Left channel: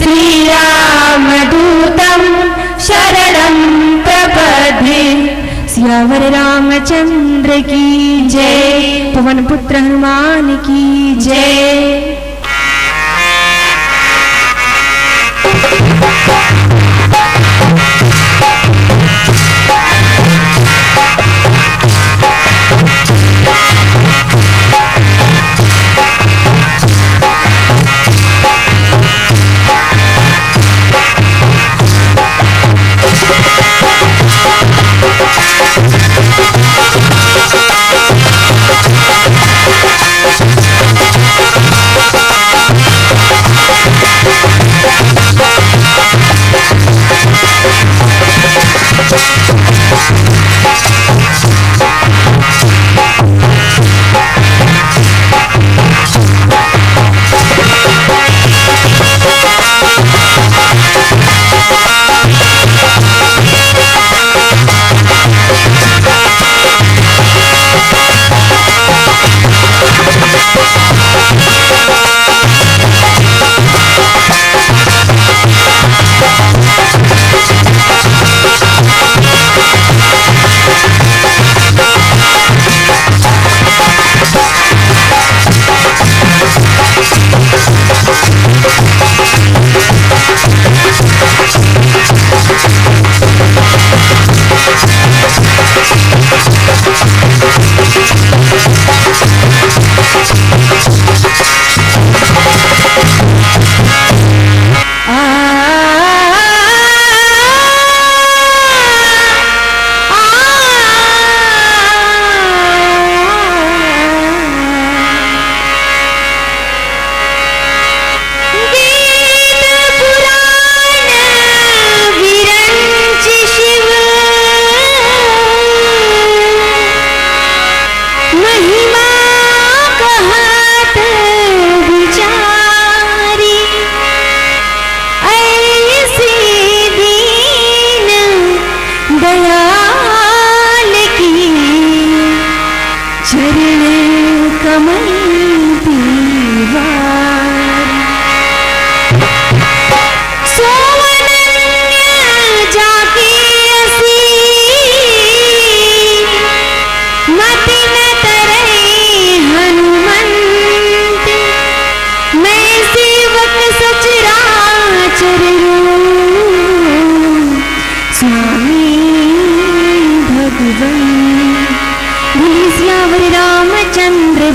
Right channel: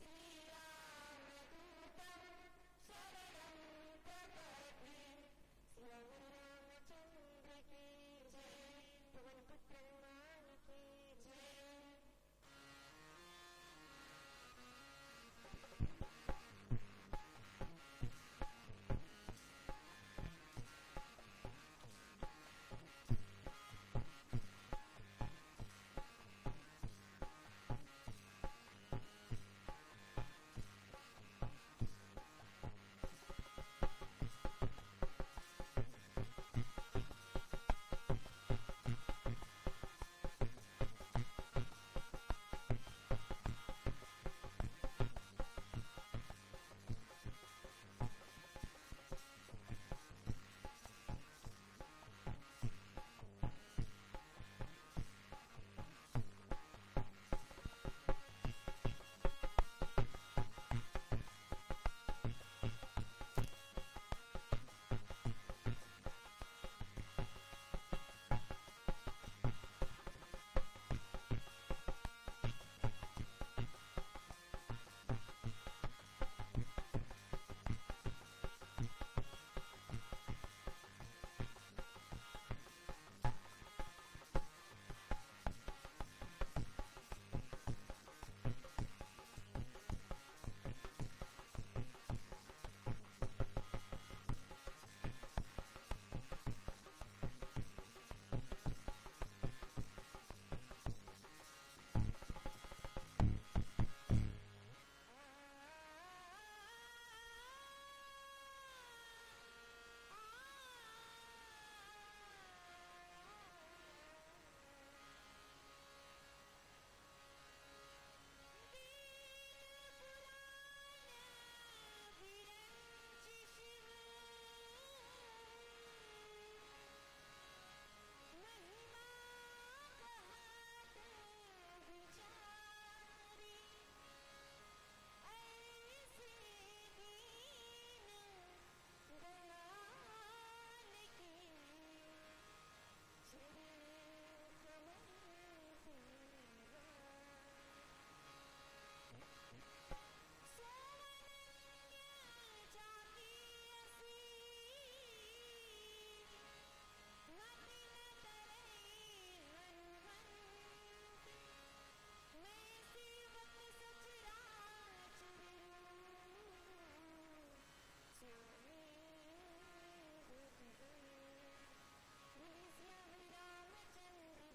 श्रीरामदूतं शरणं प्रपद्ये। सियावर रामचंद्र की जय, पवन पुत्र हनुमान की जय।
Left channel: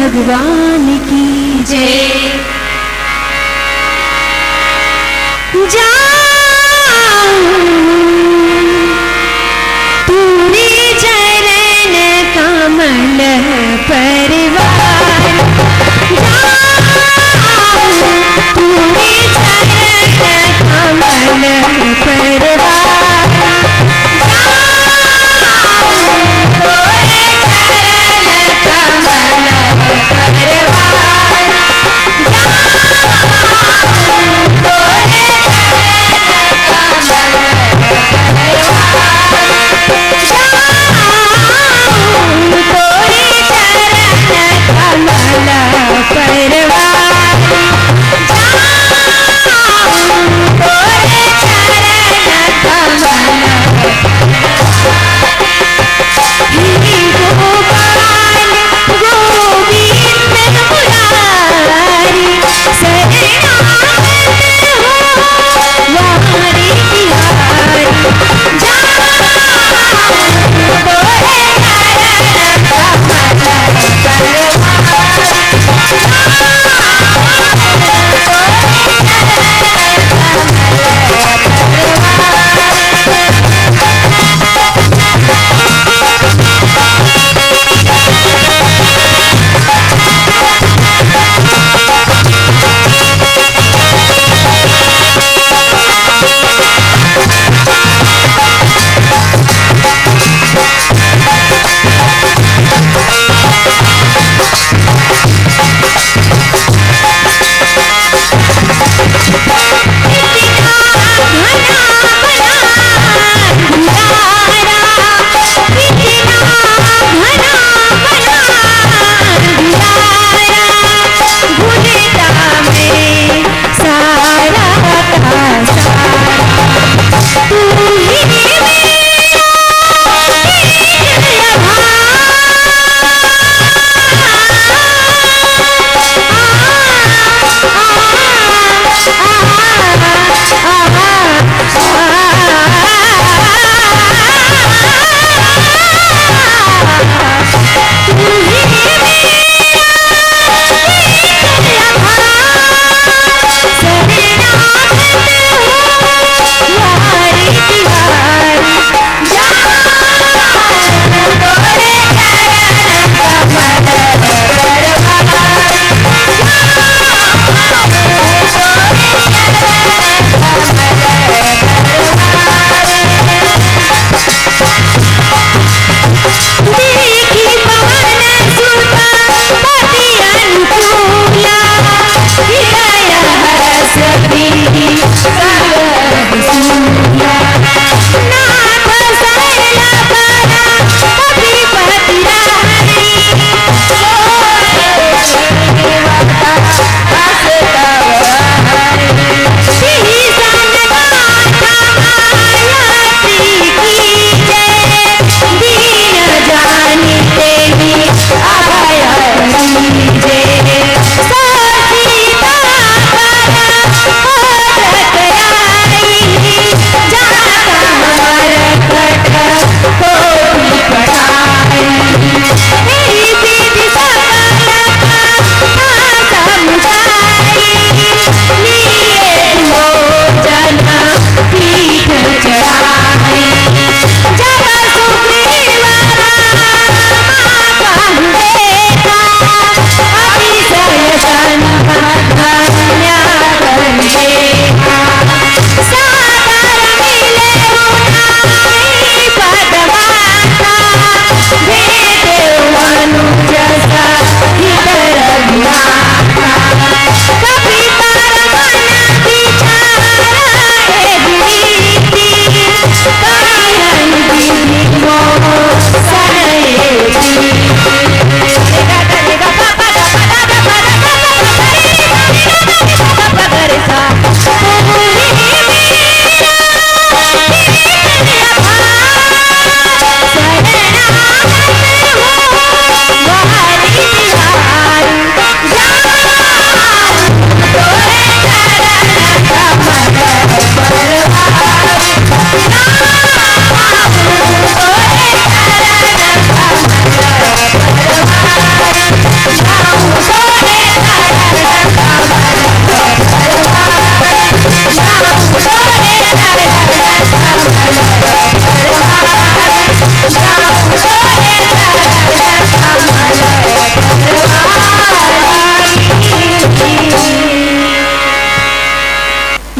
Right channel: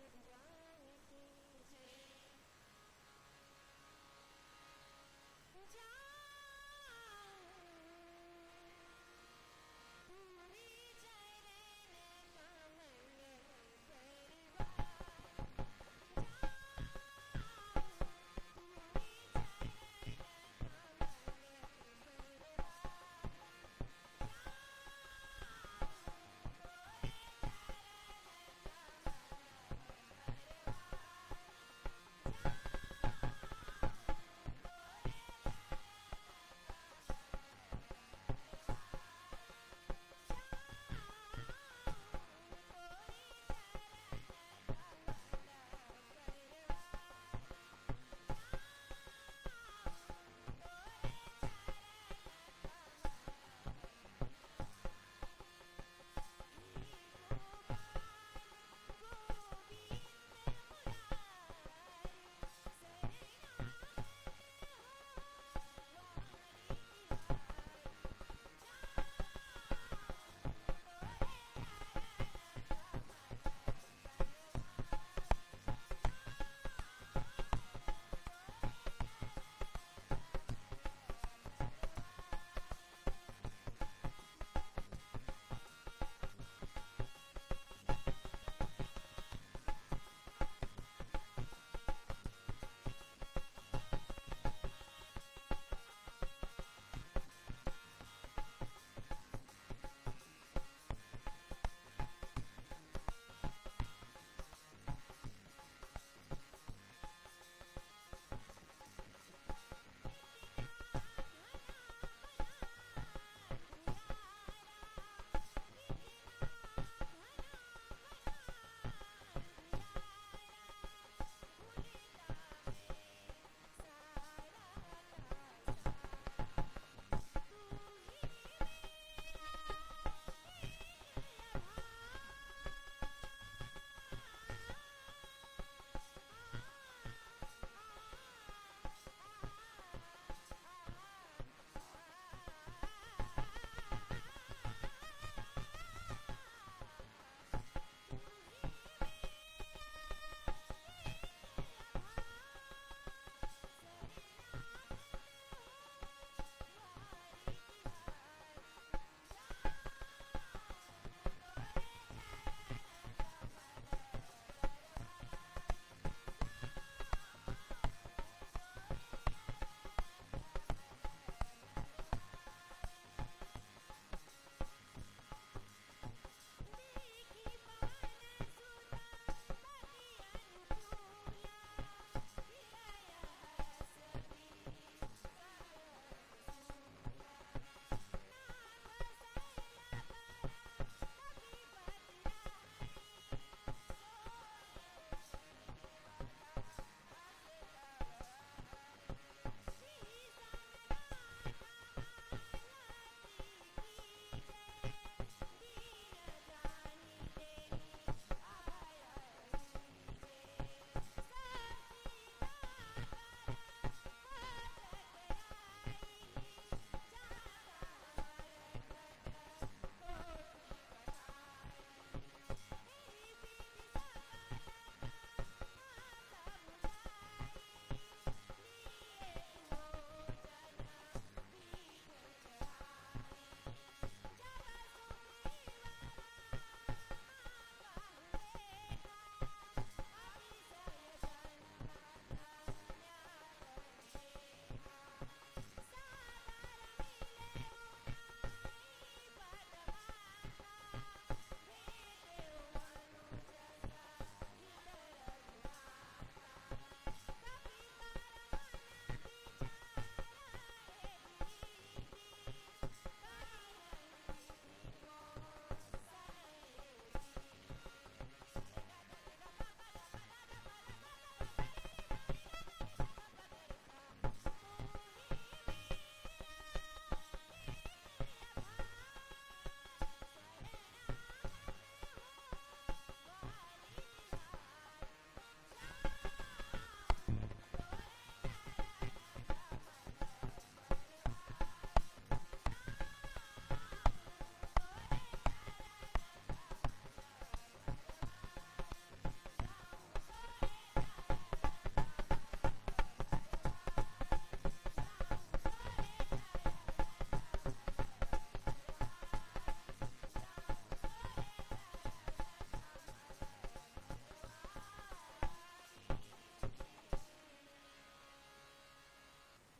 भगवान की जय। पूरी चरण कमल परिवार, पूरी चरण कमल परिवार।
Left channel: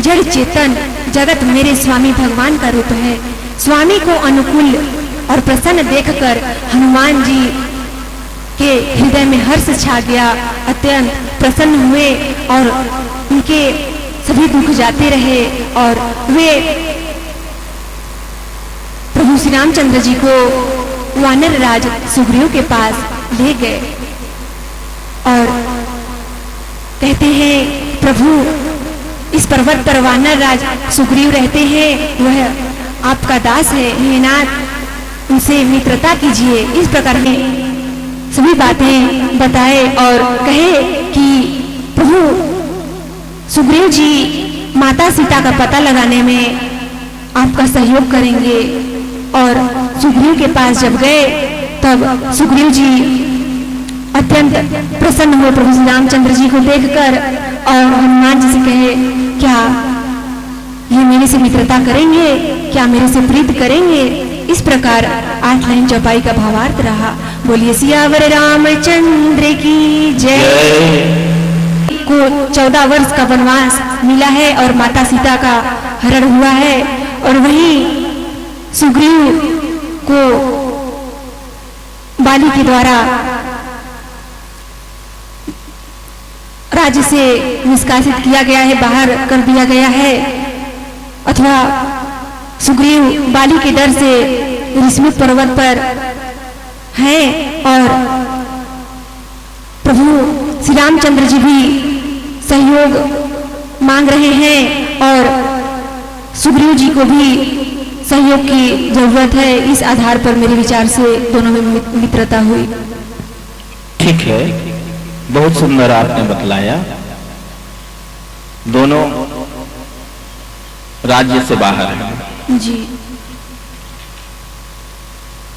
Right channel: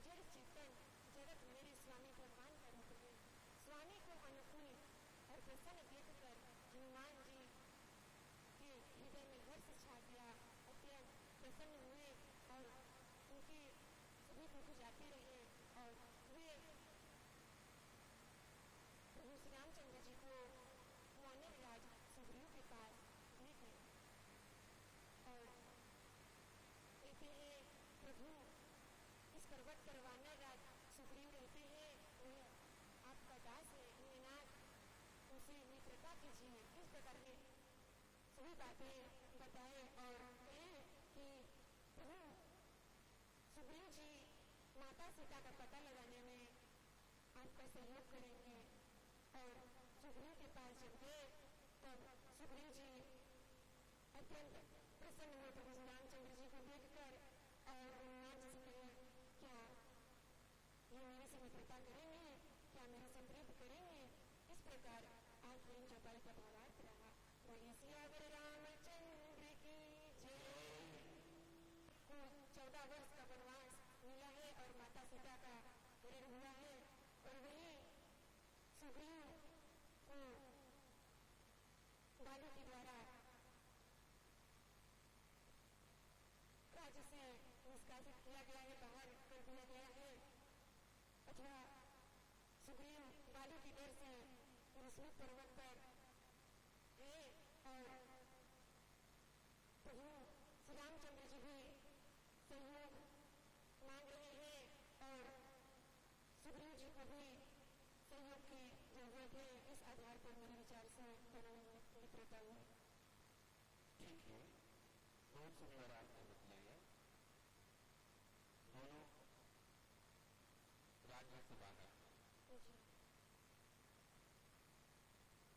जड़ चेतन जगत मेरे स्वामी भगवान का रूप है। स्वामी को अनुकूल और प्रसन्न देखकर हनुमान जी के हृदय में हर्ष छा गया। अत्यंत प्रसन्न हुए और उनके सभी दुख जाते रहे और वे प्रभु श्री रामचंद्र जी को वानर राज सुग्रीव के पास ले गए और कहते हैं, प्रभु इस पर्वत पर वानर राज सुग्रीव रहते हैं, वह आपका दास है, हे नाथ उनसे मित्रता कीजिए। इस प्रकार के सभी बातें बताए और कहे कि प्रभु सुग्रीव जी माता सीता का पता लगाने में आपका सहयोग करेंगे। और सुग्रीव के पास जब गए तब सुग्रीव जी अत्यंत प्रसन्न हुए प्रभु श्री रामचंद्र जी को देखकर और हनुमान जी से कहे, क्या ये मेरे से मित्रता करेंगे, क्या मेरे से प्रीत करेंगे। इस प्रकार 8 लाइन चौपाई का भावार्थ रहा। बोलिए सियावर रामचंद्र की जय। को 14 वर्ष का वनवास मिला है और माता सीता का हरण हुआ है और वही सुग्रीव को बाली के द्वारा राज्य से निष्कासित किया गया है, बाहर कर दिया गया है, अथवा सुग्रीव बाली के डर से ऋषि पर्वत पर हैं और प्रभु श्री रामचंद्र जी भी सहयोग मांग रहे हैं और सुग्रीव जी को भी सहयोग की जरूरत है। इस आधार पर मेरे विचार से दोनों में मित्रता हुई। ठीक है, बहुत सुंदर आपने बतलाया। दोनों राज्य से बाहर हैं। जी।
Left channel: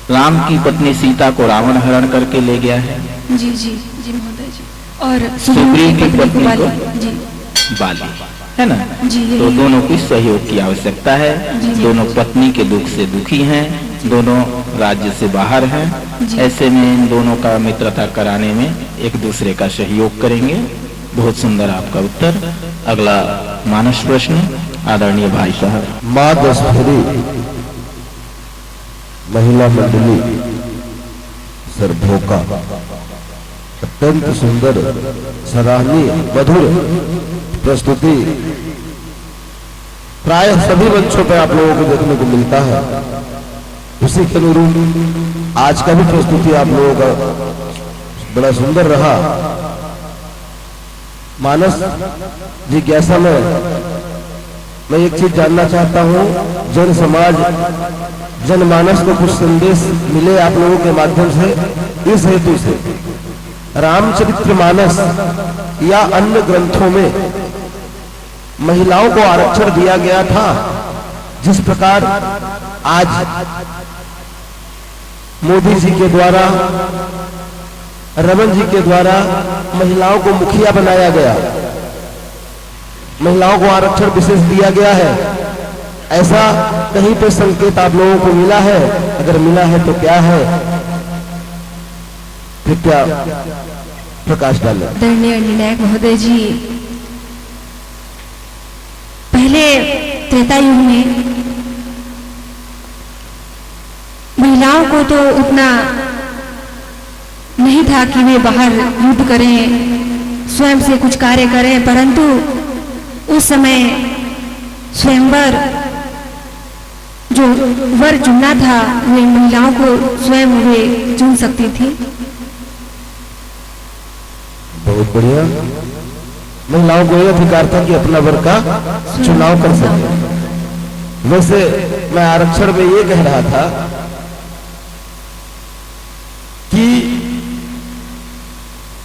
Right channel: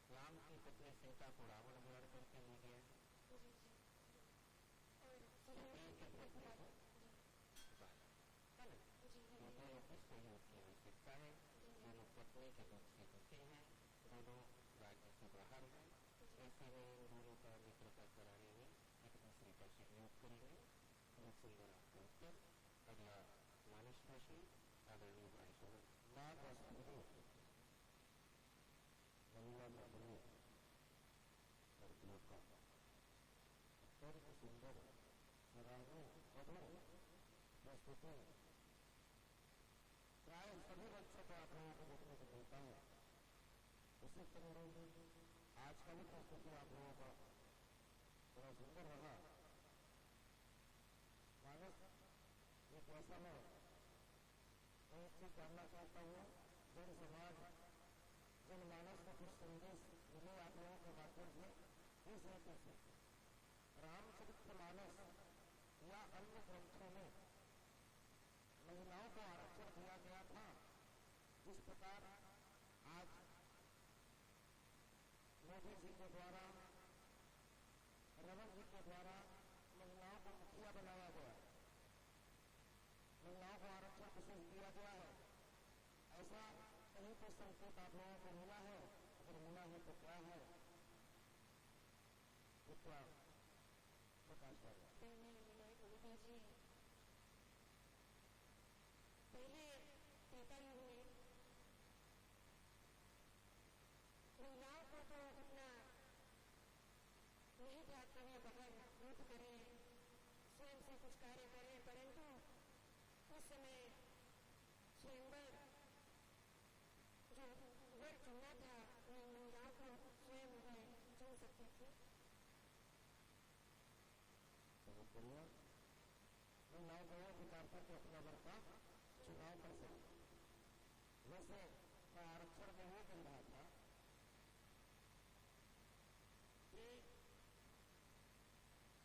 राम की पत्नी सीता को रावण हरण करके ले गया है। जी जी जी महोदय जी। और सुग्रीव की पत्नी को जी बाली, है ना। जी। तो दोनों को सहयोग की आवश्यकता है। दोनों पत्नी के दुख से दुखी हैं, दोनों राज्य से बाहर हैं। ऐसे में इन दोनों का मित्रता कराने में एक दूसरे का सहयोग करेंगे। बहुत सुंदर आपका उत्तर। अगला मानस प्रश्न आदरणीय भाई साहब। माँ दशहरी महिला मंडली सरभोका अत्यंत सुंदर सराहनीय मधुर प्रस्तुति प्राय सभी मंचों पर आप लोगों को देखने को मिलता है। उसी के अनुरूप आज का भी प्रस्तुति आप लोगों का बड़ा सुंदर रहा। मानस जिज्ञासा में मैं एक चीज जानना चाहता हूँ, जन समाज जनमानस को कुछ संदेश मिले आप लोगों के माध्यम से। इस हेतु से रामचरितमानस या अन्य ग्रंथों में महिलाओं को आरक्षण दिया गया था, जिस प्रकार आज मोदी जी के द्वारा, रमन जी के द्वारा महिलाओं को मुखिया बनाया गया, महिलाओं को आरक्षण विशेष दिया गया है। ऐसा कहीं पे संकेत आप लोगों को मिला है? अगर मिला है तो क्या है, फिर क्या प्रकाश डाले। आदरणीय निर्णायक महोदय जी, पहले त्रेता युग में महिलाओं को तो उतना नहीं था कि वे बाहर युद्ध करें, स्वयं से कुछ कार्य करें, परंतु उस समय स्वयंवर जो वर चुनना था वे महिलाओं को स्वयं वे चुन सकती थी। बहुत बढ़िया। महिलाओं को यह अधिकार था कि अपना वर का चुनाव कर सके। वैसे मैं आरक्षण में ये कह रहा था कि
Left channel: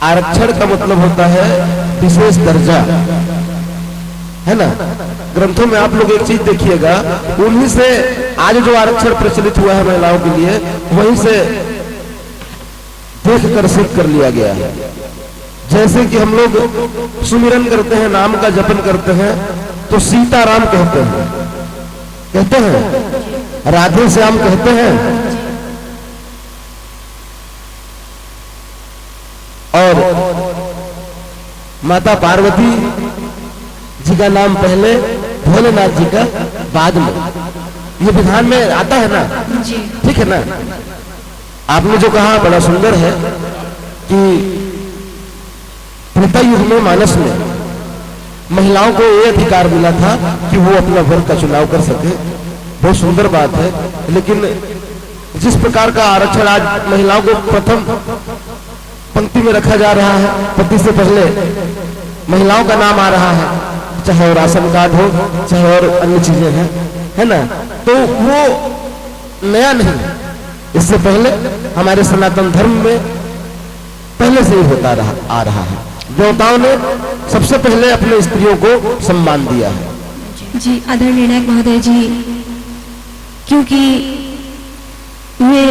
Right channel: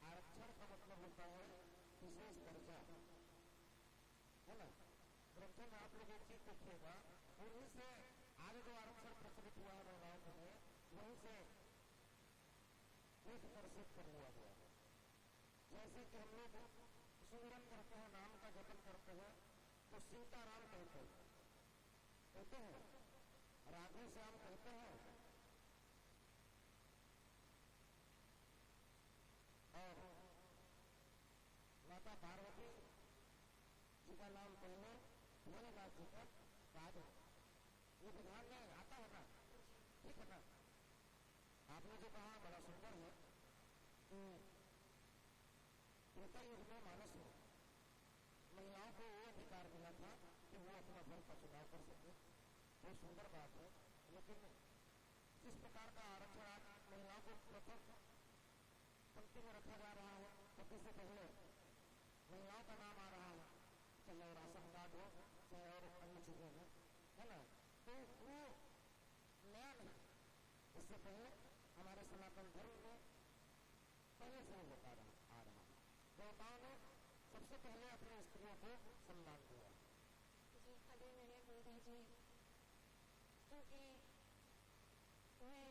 आरक्षण का मतलब होता है विशेष दर्जा, है ना। ग्रंथों में आप लोग एक चीज देखिएगा, उन्हीं से आज जो आरक्षण प्रचलित हुआ है महिलाओं के लिए, वहीं से देख कर सीख कर लिया गया है। जैसे कि हम लोग सुमिरन करते हैं, नाम का जपन करते हैं, तो सीताराम कहते हैं, राधे श्याम कहते हैं, और माता पार्वती जी का नाम पहले भोलेनाथ जी का बाद में, ये विधान में आता है ना, जी ठीक है ना। आपने जो कहा बड़ा सुंदर है कि त्रेता युग में मानस में महिलाओं को ये अधिकार मिला था कि वो अपना वर का चुनाव कर सके, बहुत सुंदर बात है। लेकिन जिस प्रकार का आरक्षण आज महिलाओं को प्रथम पंक्ति में रखा जा रहा है, पति से पहले महिलाओं का नाम आ रहा है, चाहे वो राशन कार्ड हो, चाहे और अन्य चीजें हैं, है ना, तो वो नया नहीं, इससे पहले हमारे सनातन धर्म में पहले से ही होता आ रहा है। देवताओं ने सबसे पहले अपने स्त्रियों को सम्मान दिया है। जी आदरणीय नायक महोदय जी, क्योंकि वे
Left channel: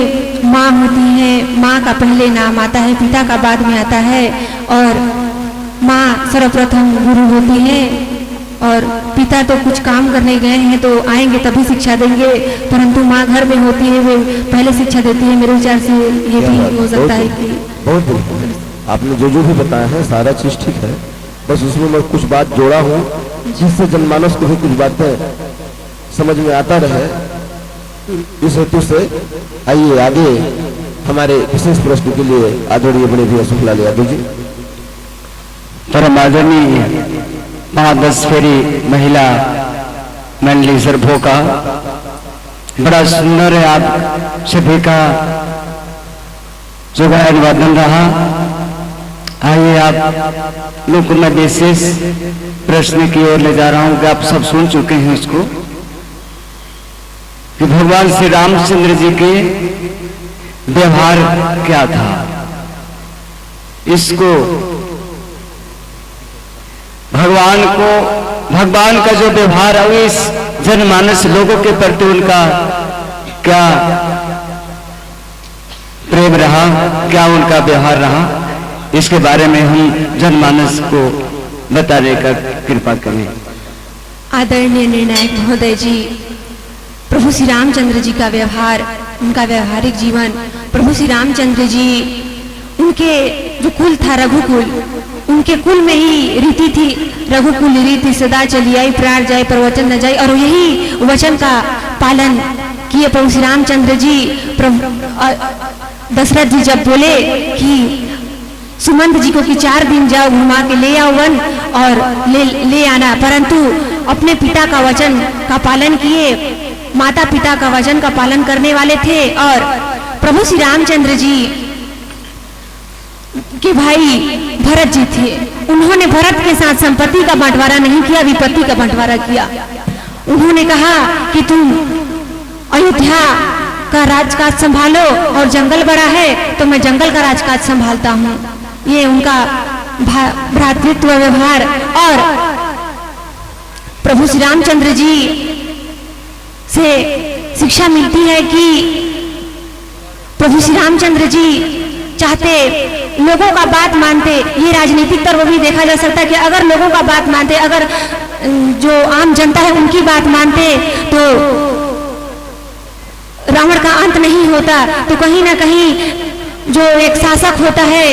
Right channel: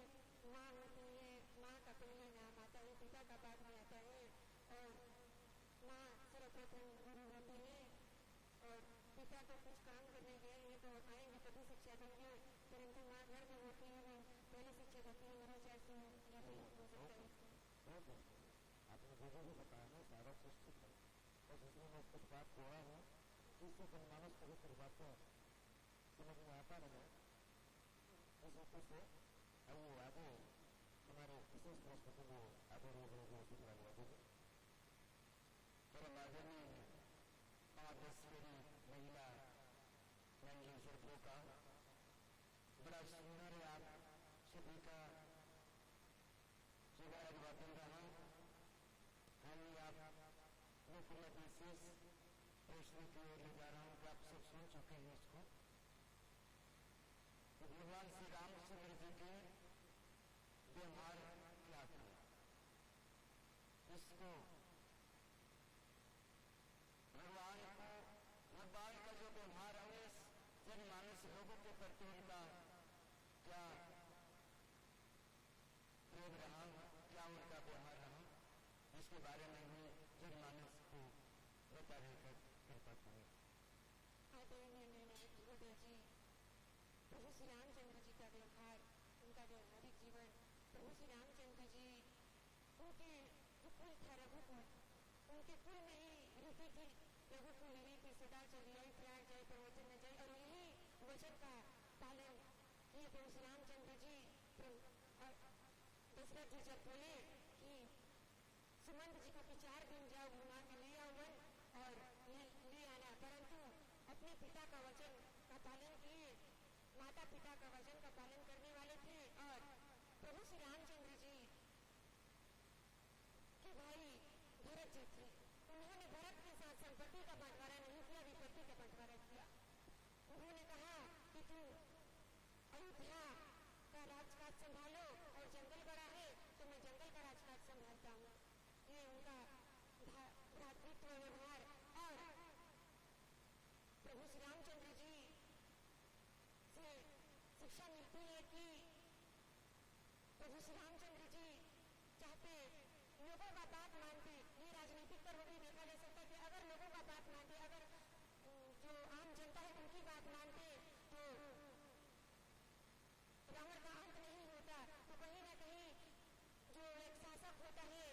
माँ होती है, माँ का पहले नाम आता है, पिता का बाद में आता है, और माँ सर्वप्रथम गुरु होती है, और पिता तो कुछ काम करने गए हैं तो आएंगे तभी शिक्षा देंगे, परंतु माँ घर में होती है, वे पहले शिक्षा देती है। मेरे विचार से ये भी हो सकता है कि बहुत आपने जो भी बताया है सारा चीज ठीक है, बस उसमें मैं कुछ बात जोड़ा हूँ जिससे जनमानस को भी कुछ बातें समझ में आता रहे, इस हेतु से। आइए आगे हमारे विशेष प्रश्न के लिए आदरणीय बड़े भैया सुखलाल यादव जी। परम आदरणीय 5-10 फेरी महिला मंडली सरभो का बड़ा सुंदर है आप सभी का जो गायन वादन रहा। आइए आप लोग को मैं विशेष प्रश्न की ओर ले जा रहा हूं कि आप सब सुन चुके हैं इसको, कि भगवान श्री रामचंद्र जी के व्यवहार क्या था। इसको भगवान का जो व्यवहार है इस जनमानस लोगों के प्रति उनका क्या प्रेम रहा, क्या उनका व्यवहार रहा, इसके बारे में हम जनमानस को बताने का कृपा करें। आदरणीय निर्णायक महोदय जी, प्रभु श्री रामचंद्र जी का व्यवहार, उनका व्यवहारिक जीवन, प्रभु श्री रामचंद्र जी, उनके जो कुल था रघुकुल, उनके कुल में ही रीति थी, रघुकुल रीति सदा चली आई, प्राण जाए प्रवचन न जाए, और यही वचन का पालन किए प्रभु श्री रामचंद्र जी। दशरथ जी जब बोले कि सुमंत जी को कि 4 दिन जाओ घुमा के ले आओ वन और ले आना, परंतु अपने पिता का वचन का पालन किए, माता पिता का वचन का पालन करने वाले थे। और प्रभु श्री रामचंद्र जी के भाई भरत जी थे, उन्होंने भरत के साथ संपत्ति का बंटवारा नहीं किया, विपत्ति का बंटवारा किया। उन्होंने कहा कि तुम अयोध्या का राजकाज संभालो और जंगल बड़ा है तो मैं जंगल का राजकाज संभालता हूँ। ये उनका भ्रातृत्व व्यवहार। और प्रभु श्री रामचंद्र जी से शिक्षा मिलती है कि प्रभु श्री रामचंद्र जी चाहते लोगों का बात मानते। ये राजनीतिक तरफ भी देखा जा सकता है कि अगर लोगों का बात मानते, अगर जो आम जनता है उनकी बात मानते तो रावण का अंत नहीं होता। तो कहीं ना कहीं जो एक शासक होता है,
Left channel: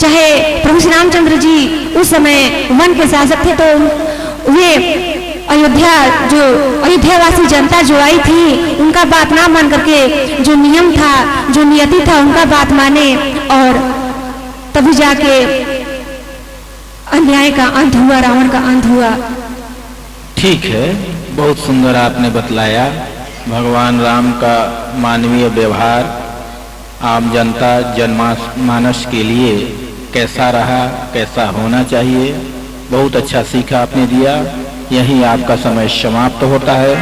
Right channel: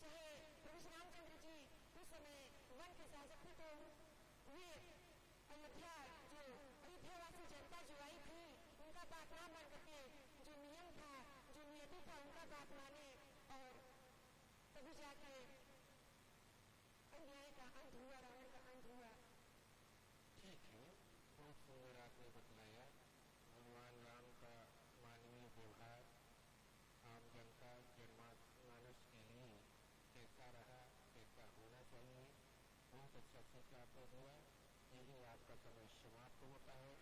चाहे प्रभु श्री रामचंद्र जी उस समय वन के शासक थे, तो वे अयोध्यावासी जनता जो आई थी उनका बात ना मान करके जो नियम था, जो नियति था, उनका बात माने और तभी जाके अन्याय का अंत हुआ, रावण का अंत हुआ। ठीक है, बहुत सुंदर आपने बतलाया भगवान राम का मानवीय व्यवहार आम जनता जनमानस के लिए कैसा रहा, कैसा होना चाहिए। बहुत अच्छा सीखा आपने दिया। यही आपका समय समाप्त होता है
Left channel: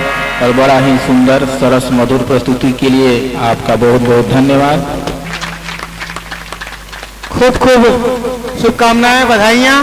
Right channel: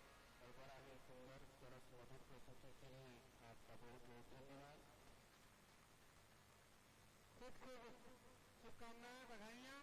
और बड़ा ही सुंदर सरस मधुर प्रस्तुति के लिए आपका बहुत बहुत धन्यवाद। खूब खूब शुभकामनाएं, बधाइयां।